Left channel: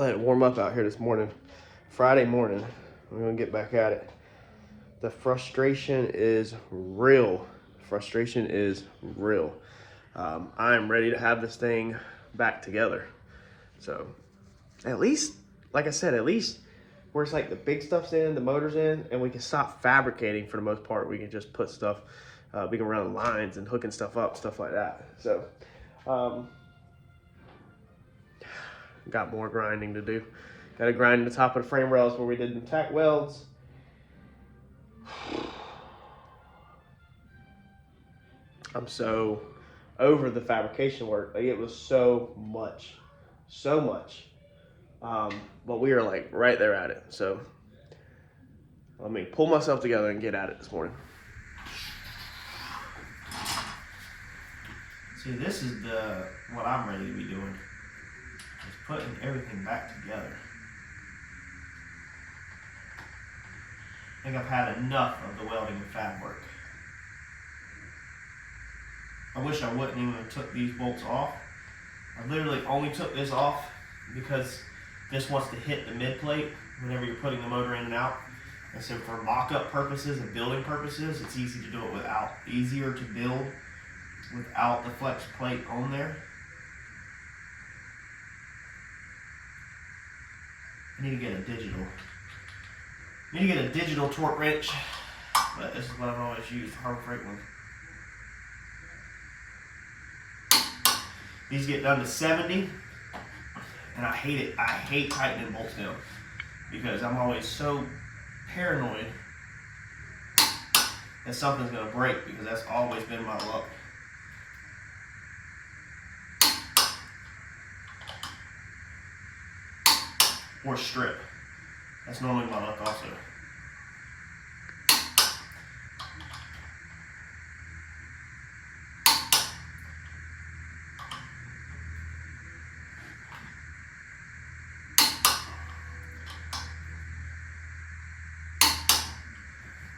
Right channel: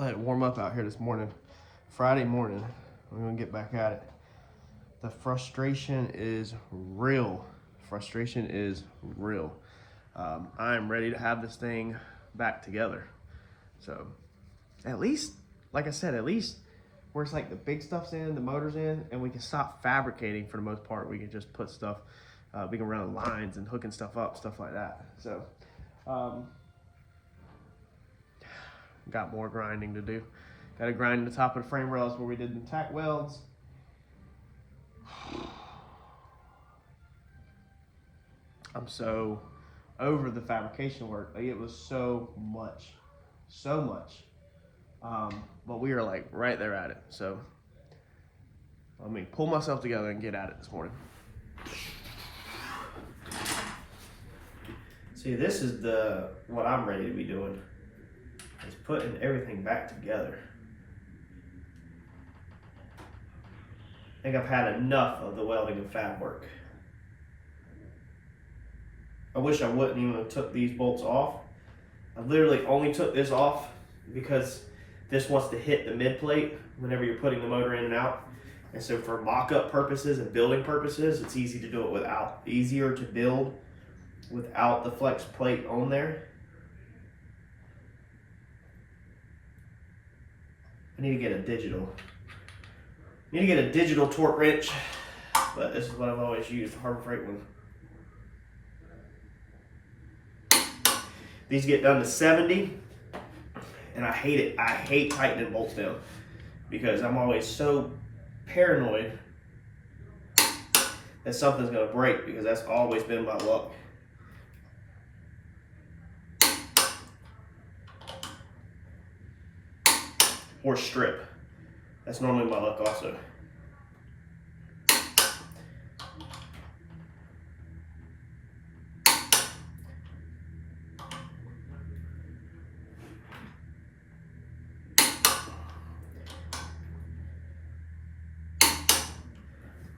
let it warm up out here this morning. Friday morning, we're gonna get back at it. The frustration is real. Frustration is real. I am ready to have this thing back together. So at least, like I said, at least where it's like the big stuff's in, the motor's in, and we can stop fabricating for the most part. We can just put stuff, we can run lines and hooking stuff up, stuff like that. So, got more grinding to do. Got to grind the top of the frame rails where we did the tack welds. I'm so over the fabrication work. Like, it was so much. But we are like right there at it. So let me pull myself together and get at it this morning. See, this is what I'm ready to be doing, is putting everything back together. I think I've had enough of the welding and fab work. I wish I wouldn't even have took these bolts off. I literally only took this off because this wants to hit the mid plate whenever you're putting the motor in and out. And so for mock-up purposes and building purposes, it's easy to do it without. Easier to build without the flex plate on there. I need to get a digital torque wrench, but this is what I've always used, Harbor Freight one. These get done to 70, and I hate it. I hate tightening bolts down because I'm always so paranoid that something's gonna break, because that's always been my luck. Or strip. That's normally my luck also.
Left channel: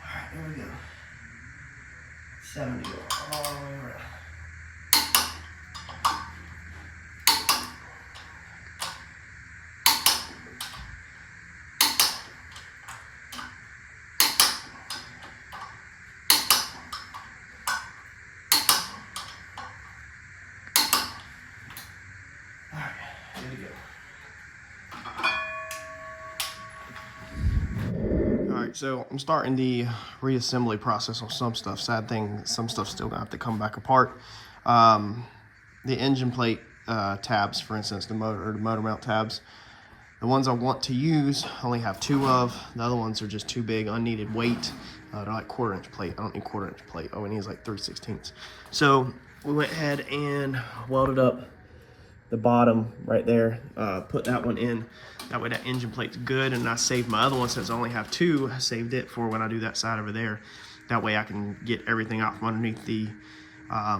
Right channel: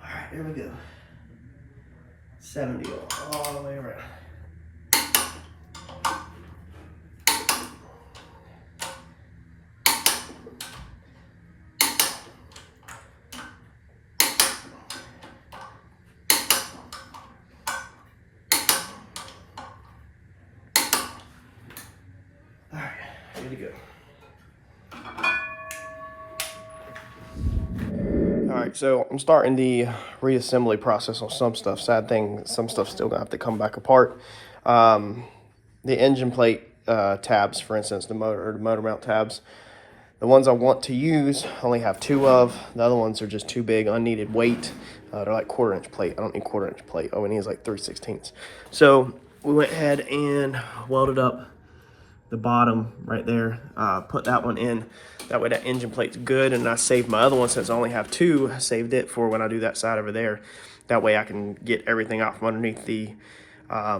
Alright, here we go. 70 all the way around. Good to go. All right, so I'm starting the reassembly process on some stuff. Sad thing, some stuff's still gonna have to come back apart. The engine plate tabs, for instance, the motor mount tabs, the ones I want to use, I only have 2 of. The other ones are just too big, unneeded weight. They're like 1/4-inch plate. I don't need 1/4-inch plate. All we need is like 3/16. So we went ahead and welded up the bottom right there, put that one in. That way that engine plate's good, and I saved my other one since I only have 2. I saved it for when I do that side over there. That way I can get everything out from underneath the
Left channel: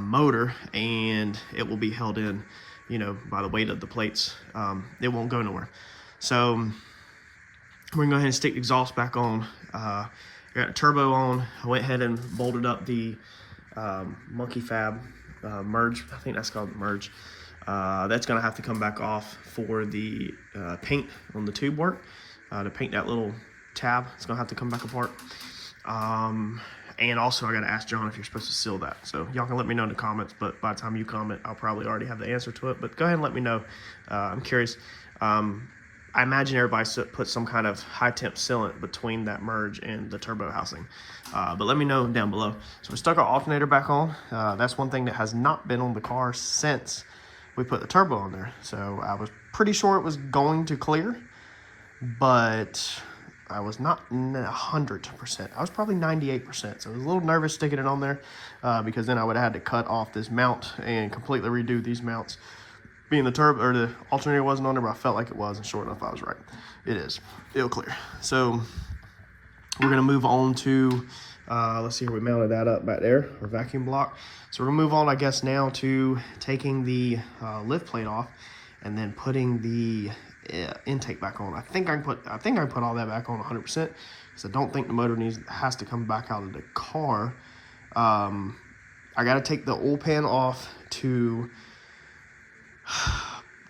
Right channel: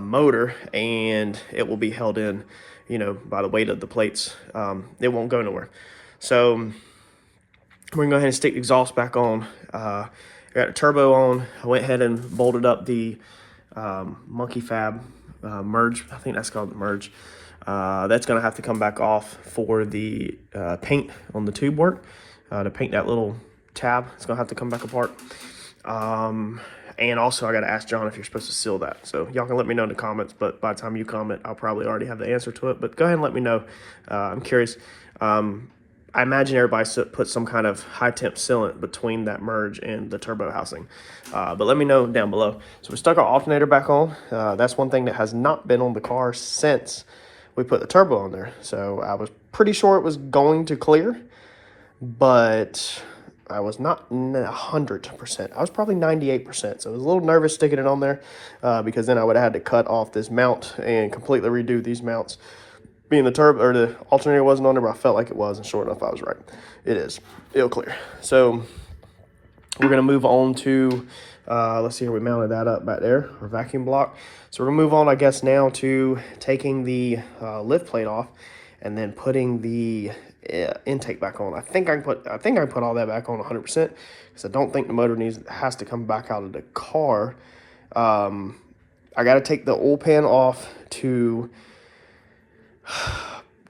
motor, and it will be held in, you know, by the weight of the plates. It won't go nowhere. So we're gonna go ahead and stick the exhaust back on. I got a turbo on. I went ahead and bolted up the Monkey Fab merge. I think that's called the merge. That's gonna have to come back off for the paint on the tube work. To paint that little tab, it's gonna have to come back apart. And also I gotta ask John if you're supposed to seal that. So y'all can let me know in the comments, but by the time you comment, I'll probably already have the answer to it. But go ahead and let me know. I'm curious. I imagine everybody put some kind of high temp sealant between that merge and the turbo housing. But let me know down below. So we stuck our alternator back on. That's one thing that has not been on the car since we put the turbo on there. So I was pretty sure it was going to clear, but I was not 100%. I was probably 98%. So I was a little nervous sticking it on there because then I would have had to cut off this mount and completely redo these mounts. Being the turbo or the alternator wasn't on there, but I felt like it was, and sure enough, I was right. It is. It'll clear. So we're gonna move on to, let's see here, we mounted that up back there, our vacuum block. So we're gonna move on, I guess, now to taking the lift plate off and then putting the intake back on. I think I can put all that back on 100%, because I don't think the motor has to come back out of the car. I got to take the oil pan off to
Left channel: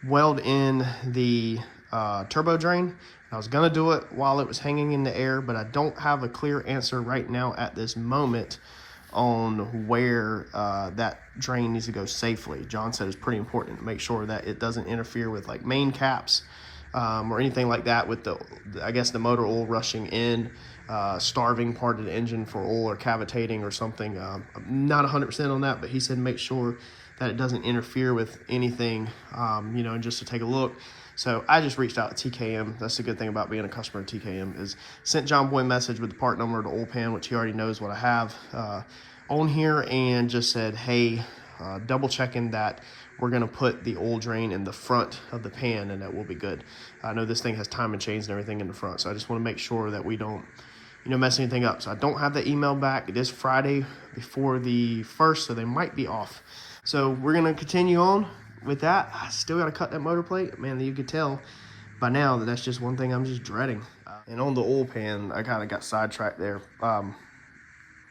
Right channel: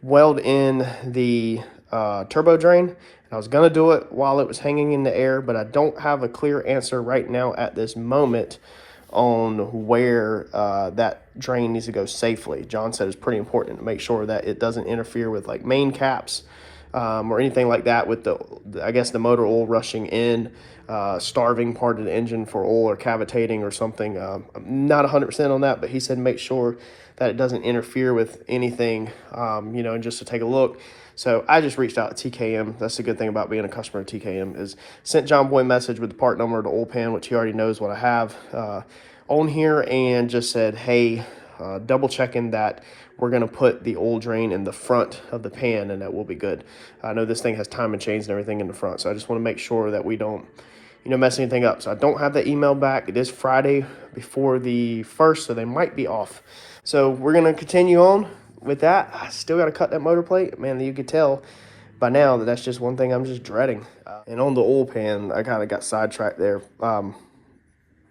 weld in the turbo drain. I was gonna do it while it was hanging in the air, but I don't have a clear answer right now at this moment on where that drain needs to go safely. John said it's pretty important to make sure that it doesn't interfere with like main caps or anything like that with I guess the motor oil rushing in, starving part of the engine for oil or cavitating or something. I'm not 100% on that, but he said make sure that it doesn't interfere with anything, you know, and just to take a look. So I just reached out to TKM. That's the good thing about being a customer at TKM, is sent John Boy a message with the part number of the oil pan, which he already knows what I have on here, and just said, hey, double checking that we're gonna put the oil drain in the front of the pan and that will be good. I know this thing has timing chains and everything in the front, so I just wanna make sure that we don't, you know, mess anything up. So I don't have the email back. It is Friday before the 1st, so they might be off. So we're gonna continue on with that. I still gotta cut that motor plate. Man, you could tell by now that that's just one thing I'm just dreading. And on the oil pan, I kind of got sidetracked there.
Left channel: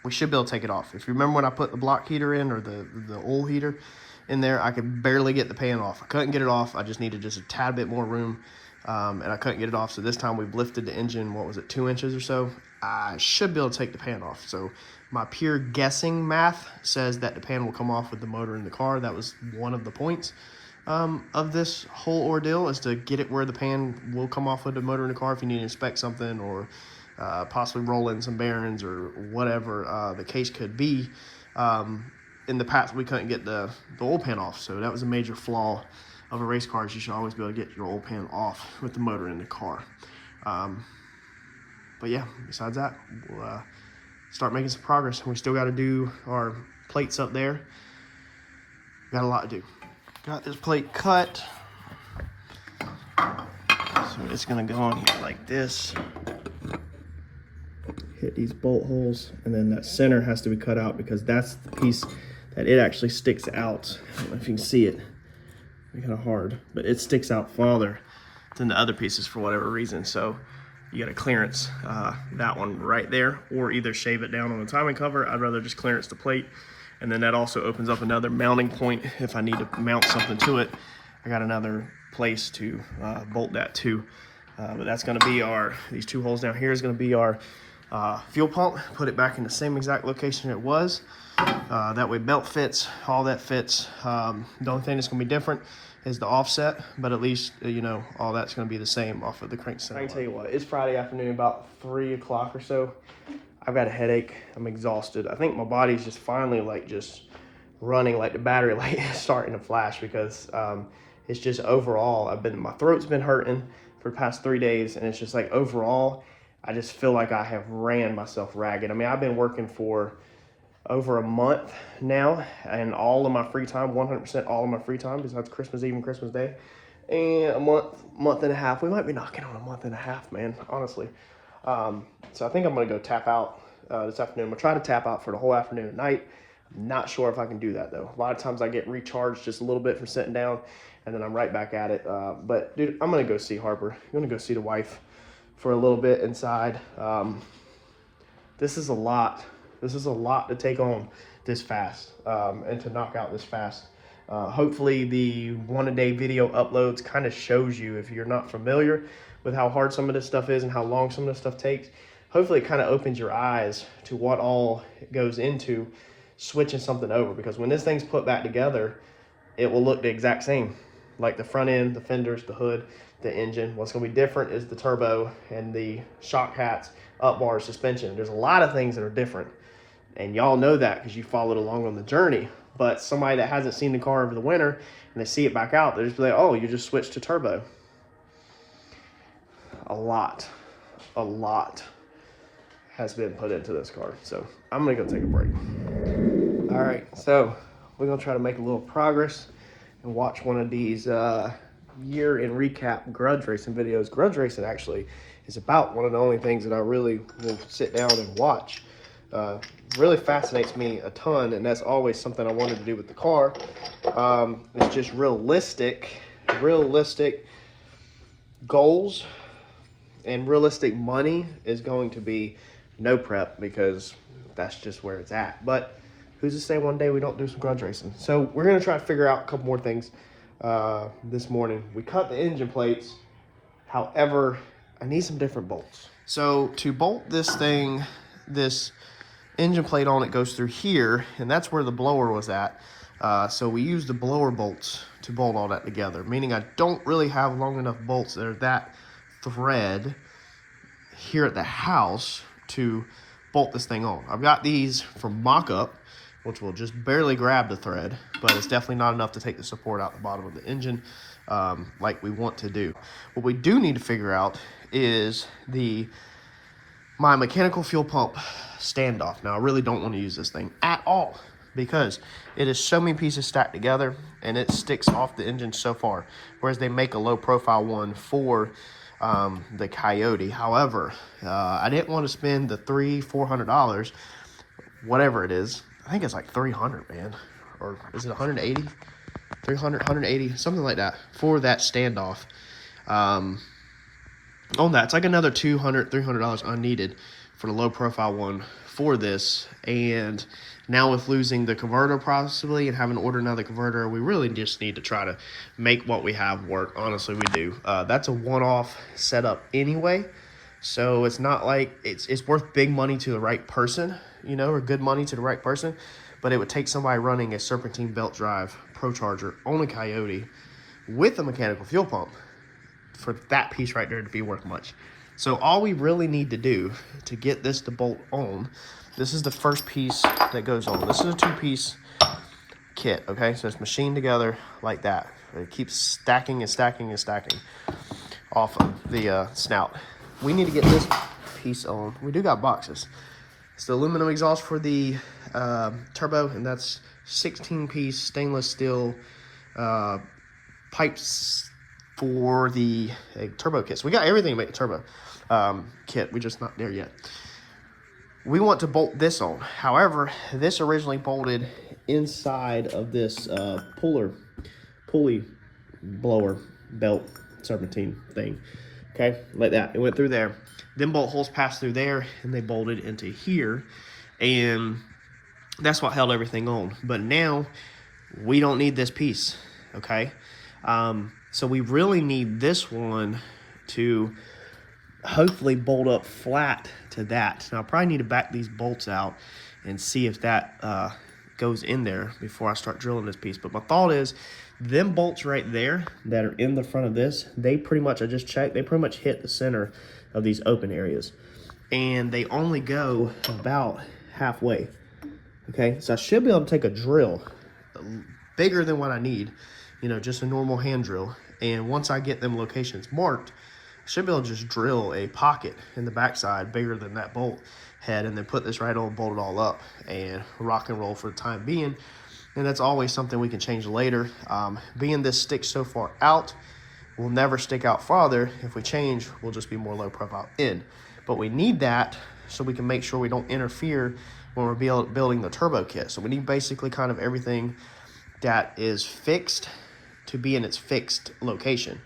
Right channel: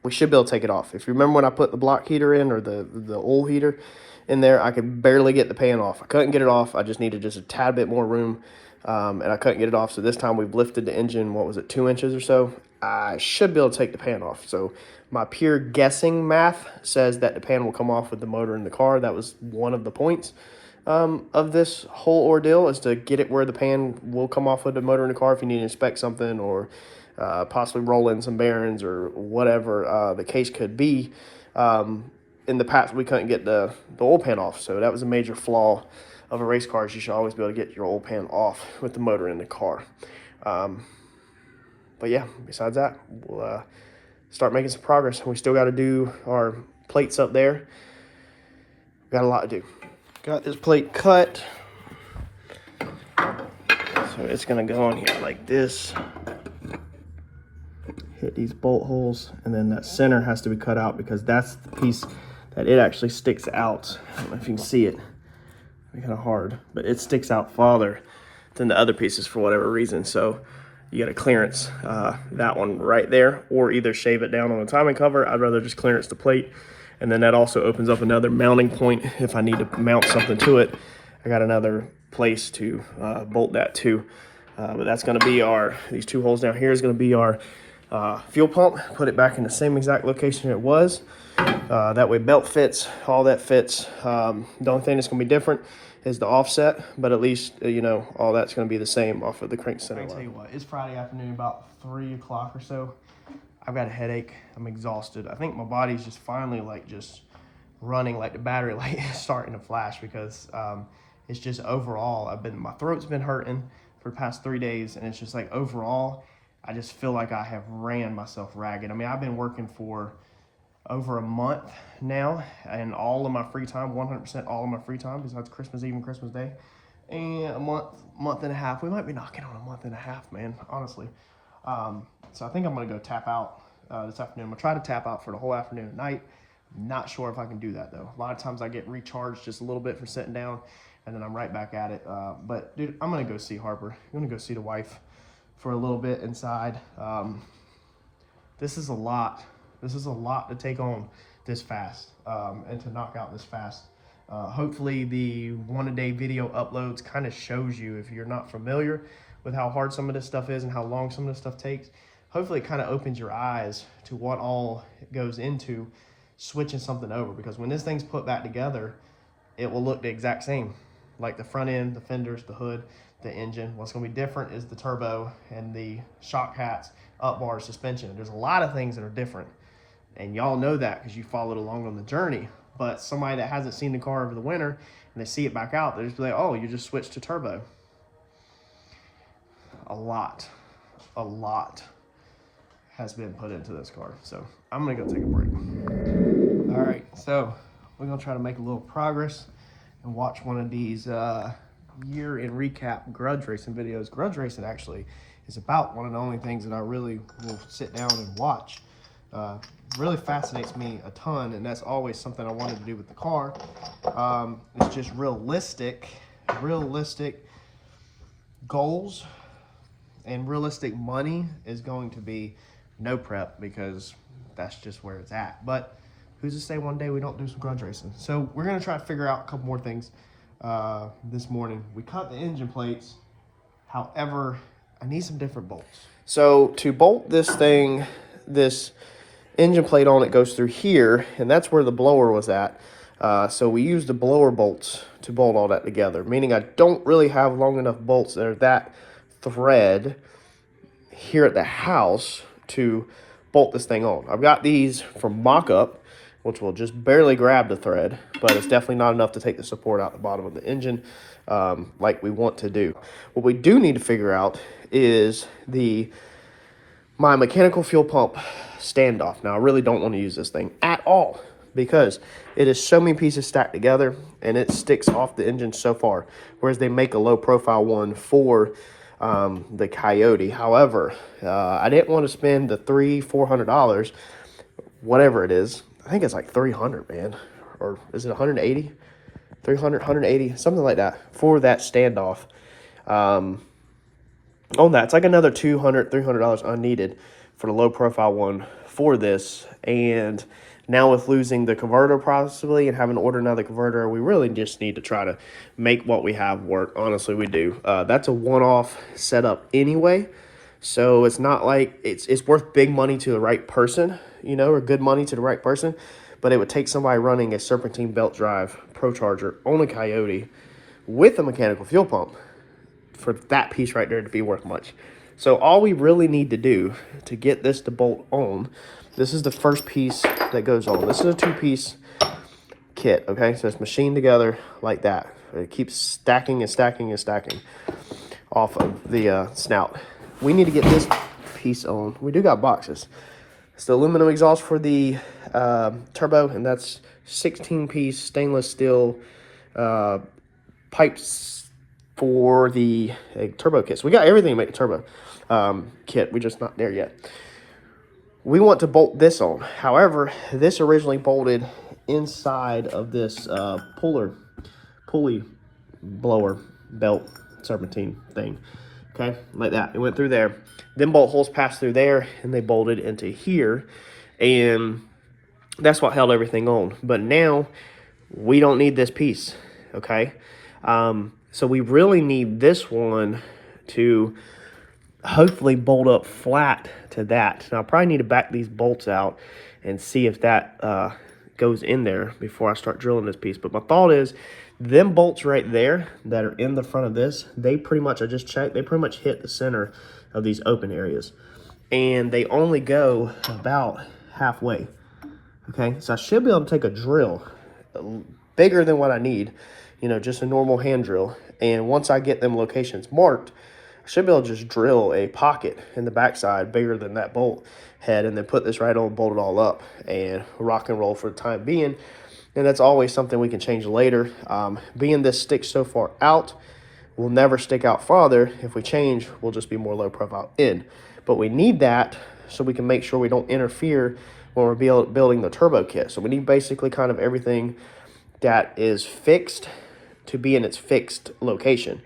We should be able to take it off. If you remember when I put the block heater in, or the oil heater in there, I could barely get the pan off. I couldn't get it off. I just needed just a tad bit more room, and I couldn't get it off. So this time we've lifted the engine, what was it, 2 inches or so? I should be able to take the pan off. So my pure guessing math says that the pan will come off with the motor in the car. That was one of the points of this whole ordeal, is to get it where the pan will come off with the motor in the car if you need to inspect something, or possibly roll in some bearings or whatever the case could be. In the past, we couldn't get the oil pan off, so that was a major flaw of a race car. You should always be able to get your oil pan off with the motor in the car. But yeah, besides that, we'll start making some progress. We still got to do our plates up there. Got a lot to do. Got this plate cut, so it's gonna go on here like this. Hit these bolt holes, and then that center has to be cut out because that's the piece that it actually sticks out. I don't know if you can see it. It's kind of hard, but it sticks out farther than the other pieces for whatever reason. So you got to clearance that one right there, or either shave it down on the timing cover. I'd rather just clearance the plate, and then that also opens up another mounting point if I need to mount something to it. I got another place to bolt that to, but that's going to be these 2 holes down here is going to be our fuel pump. Put it back in the same exact location it was. That way belt fits, all that fits. The only thing that's going to be different is the offset, but at least, you know, all that's going to be the same off of the crank center. I can tell you what, it's Friday afternoon, about 3 o'clock or so. I've got a headache. I'm exhausted. I think my body's just finally like just running, like the battery light is starting to flash, because it's just overall, my throat's been hurting for the past 3 days, and it's just like overall, I just feel like I have ran myself ragged. I mean, I've been working for over a month now, and all of my free time, 100% all of my free time, besides Christmas Eve and Christmas Day, and a month and a half. We might be knocking on a month and a half, man, honestly. So I think I'm gonna go tap out this afternoon. I'm gonna try to tap out for the whole afternoon and night. I'm not sure if I can do that though. A lot of times I get recharged just a little bit for sitting down, and then I'm right back at it. But dude, I'm gonna go see Harper. I'm gonna go see the wife for a little bit inside. This is a lot. This is a lot to take on this fast, and to knock out this fast. Hopefully the 1-a-day video uploads kind of shows you, if you're not familiar with how hard some of this stuff is and how long some of this stuff takes, hopefully it kind of opens your eyes to what all goes into switching something over. Because when this thing's put back together, it will look the exact same. Like the front end, the fenders, the hood, the engine. What's gonna be different is the turbo and the shock hats, up bar, suspension. There's a lot of things that are different, and y'all know that because you followed along on the journey. But somebody that hasn't seen the car over the winter and they see it back out, they're just like, oh, you just switched to turbo. A lot has been put into this car. So I'm gonna go take a break. All right, so we're gonna try to make a little progress and watch one of these year in recap grudge racing videos. Grudge racing actually is about one of the only things that I really will sit down and watch. Really fascinates me a ton, and that's always something I wanted to do with the car. It's just realistic goals, and realistic money is going to be no prep, because that's just where it's at. But who's to say one day we don't do some grudge racing? So we're gonna try to figure out a couple more things this morning. We cut the engine plates However, I need some different bolts. So to bolt this thing, this engine plate on it goes through here, and that's where the blower was at. So we use the blower bolts to bolt all that together, meaning I don't really have long enough bolts that are that thread here at the house to bolt this thing on. I've got these from mock-up, which will just barely grab the thread, but it's definitely not enough to take the support out the bottom of the engine like we want to do. What we do need to figure out is my mechanical fuel pump standoff. Now, I really don't want to use this thing at all because it is so many pieces stacked together and it sticks off the engine so far, whereas they make a low profile one for the Coyote. However, I didn't want to spend the $400, whatever it is. I think it's like 300, man. Or is it 180? 300, 180, something like that for that standoff. On that, it's like another $200, $300 unneeded for the low profile one for this. And now with losing the converter possibly and having to order another converter, we really just need to try to make what we have work. Honestly, we do. That's a one-off setup anyway. So it's not like it's worth big money to the right person, you know, or good money to the right person. But it would take somebody running a serpentine belt drive Procharger on a Coyote with a mechanical fuel pump for that piece right there to be worth much. So all we really need to do to get this to bolt on, this is the first piece that goes on. This is a two-piece kit, okay? So it's machined together like that. It keeps stacking and stacking and stacking off of the snout. We need to get this piece on. We do got boxes. It's the aluminum exhaust for the turbo, and that's 16-piece stainless steel pipes for the turbo kit. So we got everything to make the turbo kit. We're just not there yet. We want to bolt this on. However, this originally bolted inside of this pulley blower belt serpentine thing. Okay, like that. It went through there. Then bolt holes passed through there, and they bolted into here, and that's what held everything on. But now we don't need this piece. Okay, so we really need this one to hopefully bolt up flat to that. Now I probably need to back these bolts out and see if that goes in there before I start drilling this piece. But my thought is, them bolts right there that are in the front of this, they pretty much, I just checked, they pretty much hit the center of these open areas. And they only go about halfway. Okay, so I should be able to take a drill bigger than what I need, you know, just a normal hand drill. And once I get them locations marked, I should be able to just drill a pocket in the backside bigger than that bolt head, and then put this right on, bolt it all up, and rock and roll for the time being. And that's always something we can change later. Being this sticks so far out, will never stick out farther. If we change, we'll just be more low profile in. But we need that so we can make sure we don't interfere when we're building the turbo kit. So we need basically kind of everything that is fixed to be in its fixed location.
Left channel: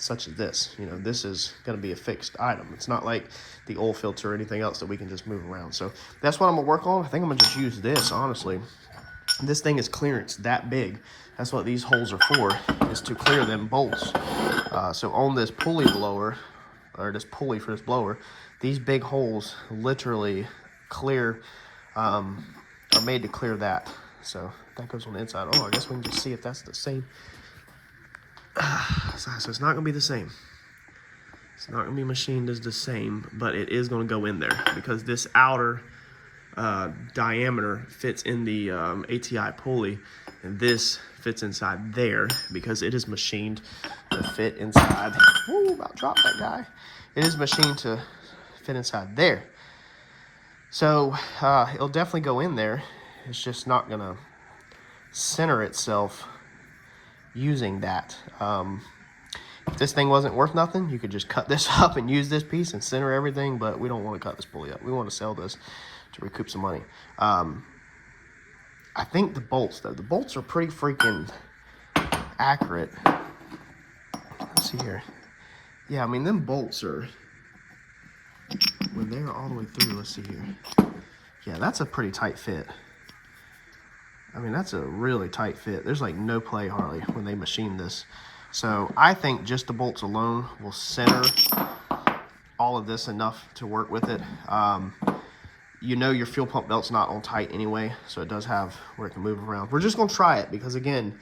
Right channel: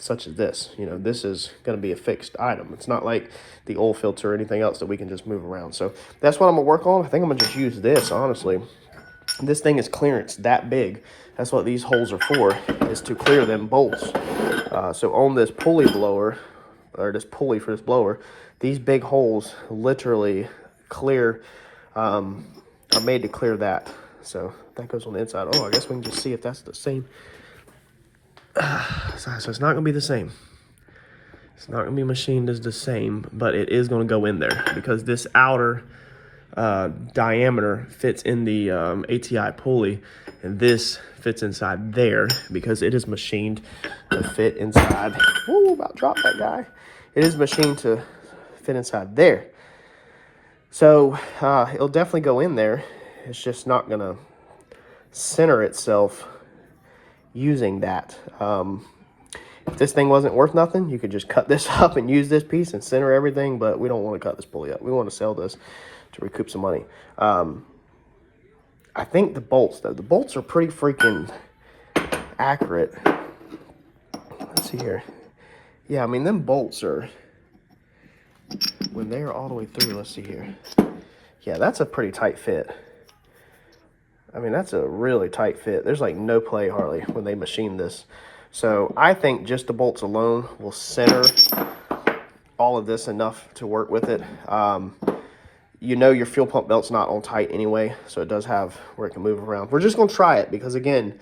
Such as this, you know, this is going to be a fixed item. It's not like the oil filter or anything else that we can just move around. So that's what I'm gonna work on. I think I'm gonna just use this, honestly. This thing is clearance that big. That's what these holes are for, is to clear them bolts. So on this pulley blower, or this pulley for this blower, these big holes literally clear, are made to clear that. So that goes on the inside. Oh, I guess we can just see if that's the same. So it's not going to be the same. It's not going to be machined as the same, but it is going to go in there because this outer diameter fits in the ATI pulley, and this fits inside there because it is machined to fit inside. Ooh, about to drop that guy. It is machined to fit inside there. So it'll definitely go in there. It's just not going to center itself using that. If this thing wasn't worth nothing, you could just cut this up and use this piece and center everything, but we don't want to cut this pulley up. We want to sell this to recoup some money. I think the bolts, though, the bolts are pretty freaking accurate. Let's see here. Yeah, I mean, them bolts are, when they're all the way through, let's see here. Yeah, that's a pretty tight fit. I mean, that's a really tight fit. There's like no play hardly when they machine this So I think just the bolts alone will center all of this enough to work with it. You know your fuel pump belt's not on tight anyway, so it does have where it can move around. We're just gonna try it because again,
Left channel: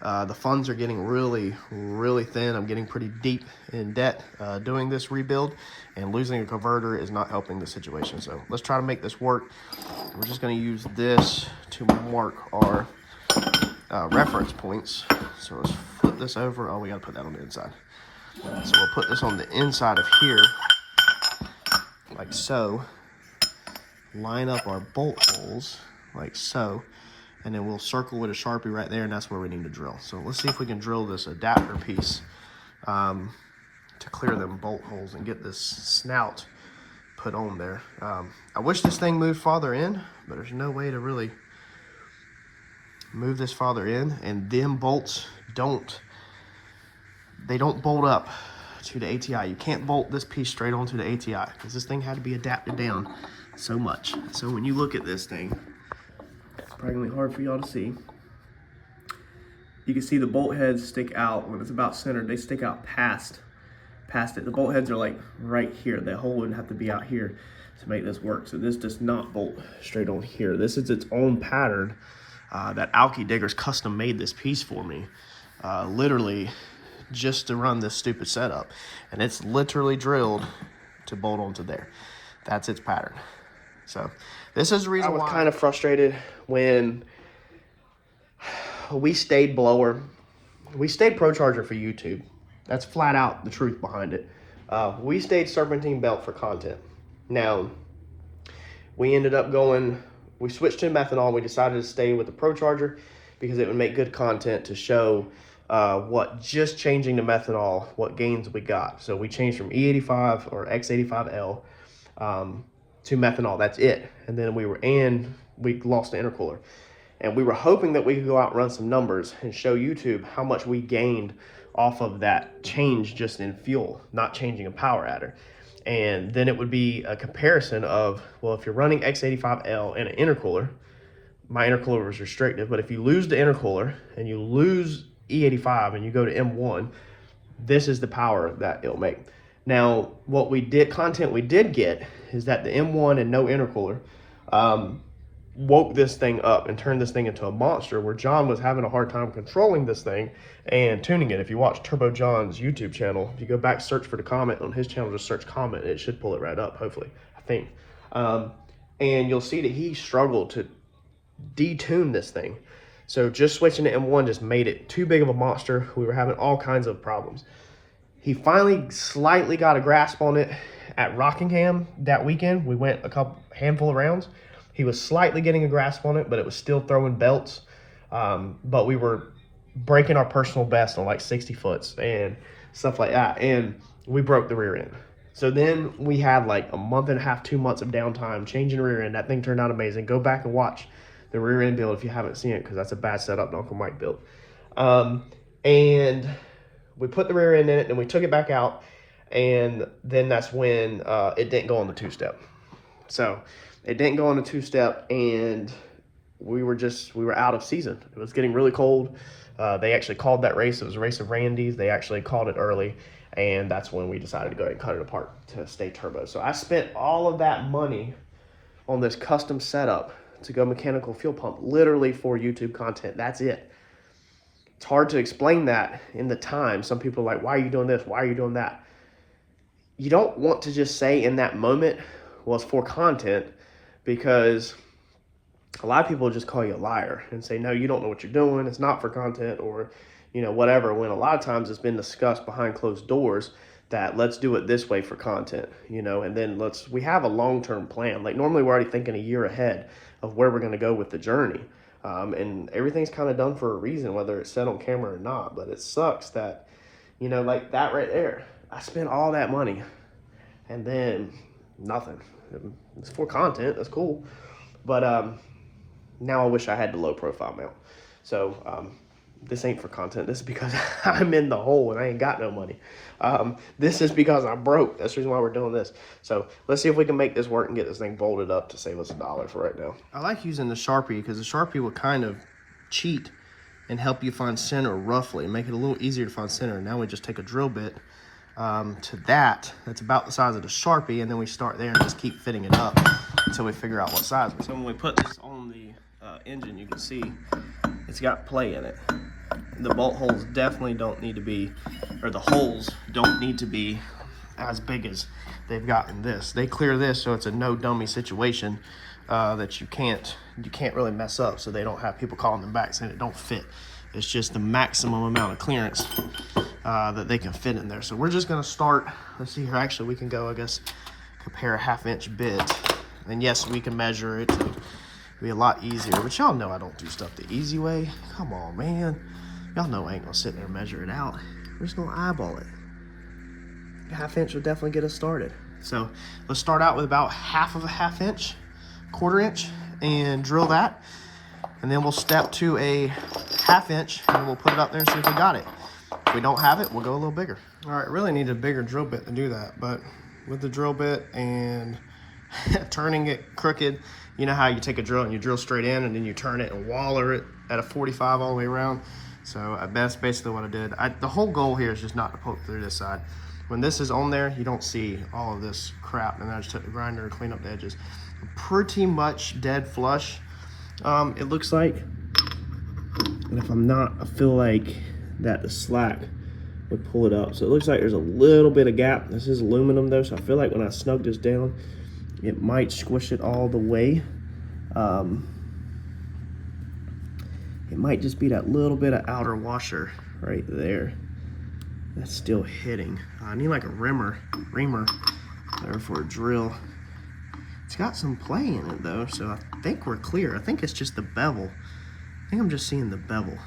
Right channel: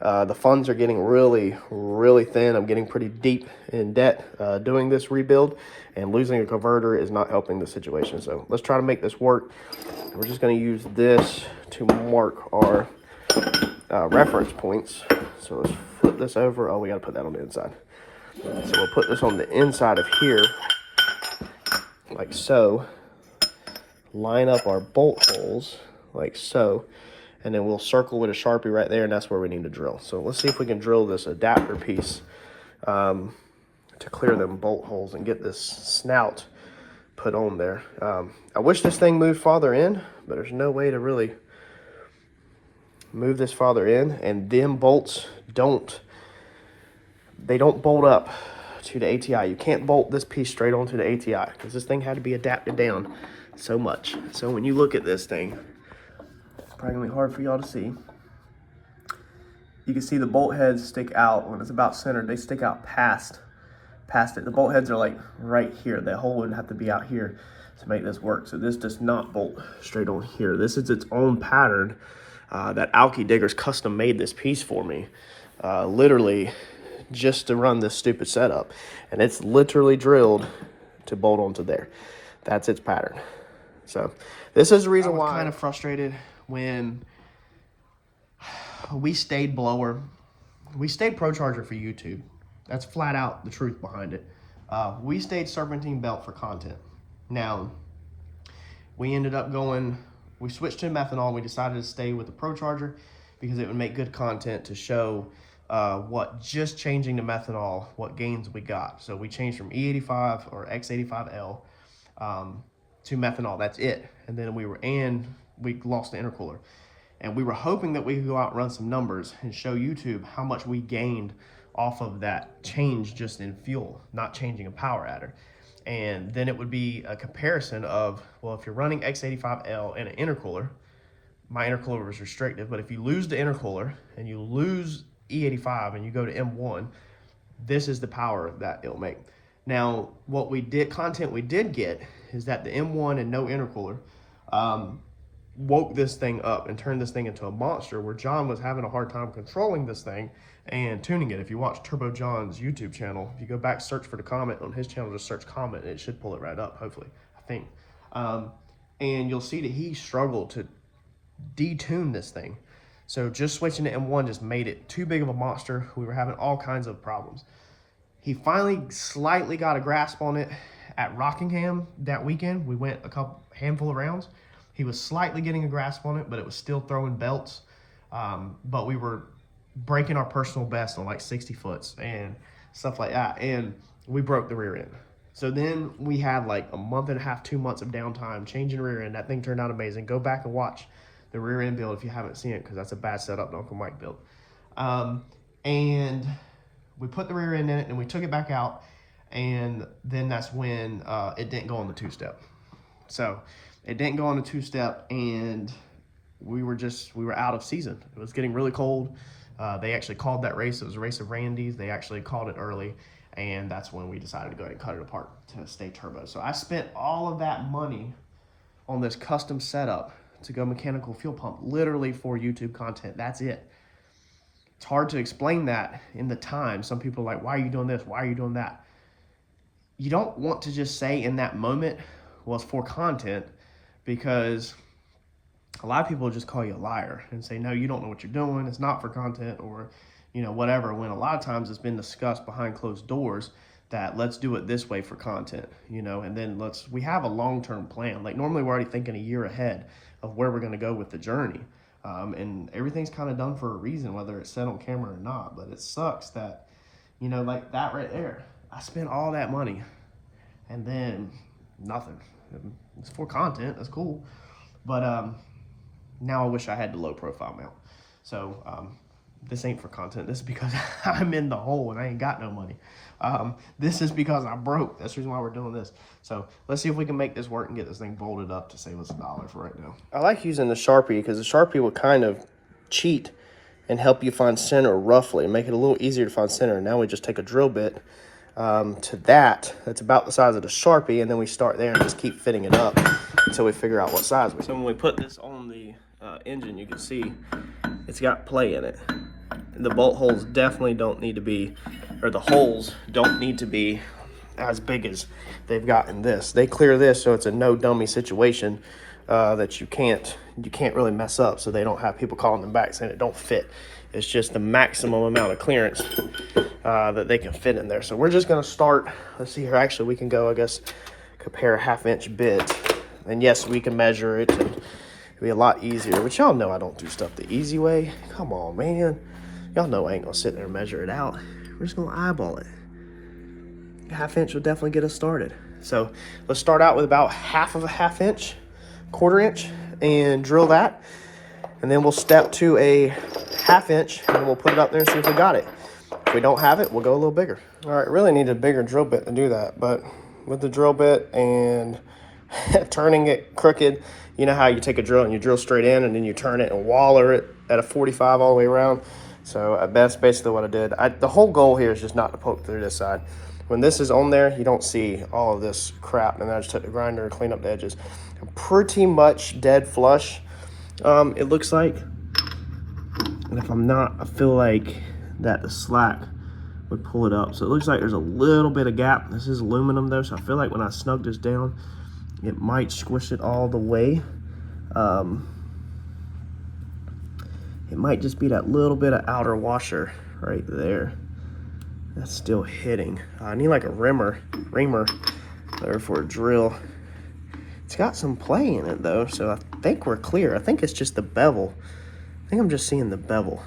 the funds are getting really, really thin. I'm getting pretty deep in debt doing this rebuild, and losing a converter is not helping the situation. So let's try to make this work. We're just gonna use this to mark our reference points. So let's flip this over. Oh, we gotta put that on the inside. So we'll put this on the inside of here, like so. Line up our bolt holes, like so. And then we'll circle with a Sharpie right there, and that's where we need to drill. So let's see if we can drill this adapter piece to clear them bolt holes and get this snout put on there. I wish this thing moved farther in, but there's no way to really move this farther in. And them bolts don't bolt up to the ATI. You can't bolt this piece straight onto the ATI because this thing had to be adapted down so much. So when you look at this thing, it's probably gonna be hard for y'all to see. You can see the bolt heads stick out when it's about centered. They stick out past it. The bolt heads are like right here. That hole would have to be out here to make this work. So this does not bolt straight on here. This is its own pattern that Alki Diggers custom made this piece for me, literally just to run this stupid setup. And it's literally drilled to bolt onto there. That's its pattern. So this is the reason why I'm kind of frustrated when we stayed blower. We stayed Procharger for YouTube. That's flat out the truth behind it. We stayed serpentine belt for content. Now, we ended up we switched to methanol. We decided to stay with the Procharger because it would make good content to show what just changing to methanol, what gains we got. So we changed from E85 or X85L to methanol. That's it. And then we lost the intercooler, and we were hoping that we could go out and run some numbers and show YouTube how much we gained off of that change just in fuel, not changing a power adder. And then it would be a comparison of, well, if you're running X85L and an intercooler, my intercooler was restrictive, but if you lose the intercooler and you lose E85 and you go to M1, this is the power that it'll make. Now, content we did get is that the M1 and no intercooler woke this thing up and turned this thing into a monster, where John was having a hard time controlling this thing and tuning it. If you watch Turbo John's YouTube channel, if you go back, search for the Comet on his channel, just search Comet, it should pull it right up, hopefully, I think. And you'll see that he struggled to detune this thing. So just switching to M1 just made it too big of a monster. We were having all kinds of problems. He finally slightly got a grasp on it at Rockingham that weekend. We went a handful of rounds. He was slightly getting a grasp on it, but it was still throwing belts. But we were breaking our personal best on like 60 foots and stuff like that. And we broke the rear end. So then we had like a month and a half, 2 months of downtime changing the rear end. That thing turned out amazing. Go back and watch the rear end build if you haven't seen it, because that's a bad setup that Uncle Mike built. And we put the rear end in it, and we took it back out, and then that's when it didn't go on the two-step. So it didn't go on the two-step, and we were out of season. It was getting really cold. They actually called that race. It was a race of Randy's. They actually called it early, and that's when we decided to go ahead and cut it apart to stay turbo. So I spent all of that money on this custom setup to go mechanical fuel pump, literally for YouTube content. That's it. It's hard to explain that in the time. Some people are like, why are you doing this? Why are you doing that? You don't want to just say in that moment, well, it's for content, because a lot of people just call you a liar and say, no, you don't know what you're doing. It's not for content, or, whatever. When a lot of times it's been discussed behind closed doors that let's do it this way for content, and then we have a long-term plan. Like normally we're already thinking a year ahead of where we're going to go with the journey. And everything's kind of done for a reason, whether it's said on camera or not. But it sucks that, like that right there, I spent all that money and then nothing. It's for content. That's cool. But now I wish I had the low profile mount. So this ain't for content. This is because I'm in the hole and I ain't got no money. This is because I'm broke. That's the reason why we're doing this. So let's see if we can make this work and get this thing bolted up to save us $1 for right now. I like using the Sharpie because the Sharpie will kind of cheat and help you find center roughly, make it a little easier to find center. Now we just take a drill bit to that's about the size of the Sharpie, and then we start there and just keep fitting it up until we figure out what size. So when we put this on the engine, you can see it's got play in it. The bolt holes definitely don't need to be, or the holes don't need to be as big as they've got in this. They clear this so it's a no dummy situation that you can't really mess up, so they don't have people calling them back saying it don't fit. It's just the maximum amount of clearance that they can fit in there. So we're just gonna start, let's see here, actually we can go, I guess, compare a 1/2 inch bit. And yes, we can measure it and it'll be a lot easier, but y'all know I don't do stuff the easy way. Come on, man. Y'all know I ain't gonna sit there and measure it out. We're just gonna eyeball it. 1/2 inch will definitely get us started. So let's start out with about 1/2 of a 1/2 inch, 1/4 inch, and drill that. And then we'll step to a 1/2 inch and we'll put it up there and see if we got it. If we don't have it, we'll go a little bigger. All right, really need a bigger drill bit to do that, but with the drill bit and turning it crooked, you know how you take a drill and you drill straight in and then you turn it and waller it at a 45 all the way around. So that's basically what I did. The whole goal here is just not to poke through this side. When this is on there, you don't see all of this crap, and I just took the grinder and clean up the edges. I'm pretty much dead flush, it looks like. And if I'm not, I feel like that the slack would pull it up. So it looks like there's a little bit of gap. This is aluminum though, so I feel like when I snug this down, it might squish it all the way. It might just be that little bit of outer washer right there that's still hitting. I need like a reamer there for a drill. It's got some play in it though, so I think we're clear. I think it's just the bevel. I think I'm just seeing the bevel.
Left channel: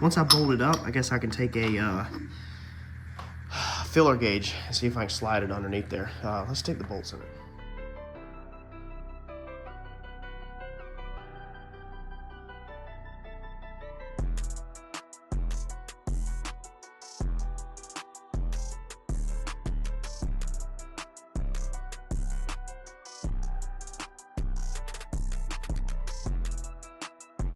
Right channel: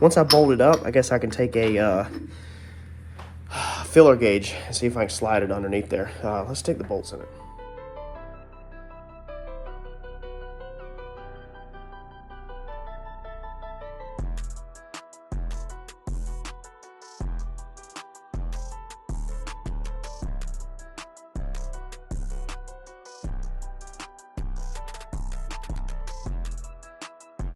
Once I bolt it up, I guess I can take a filler gauge and see if I can slide it underneath there. Let's stick the bolts in it.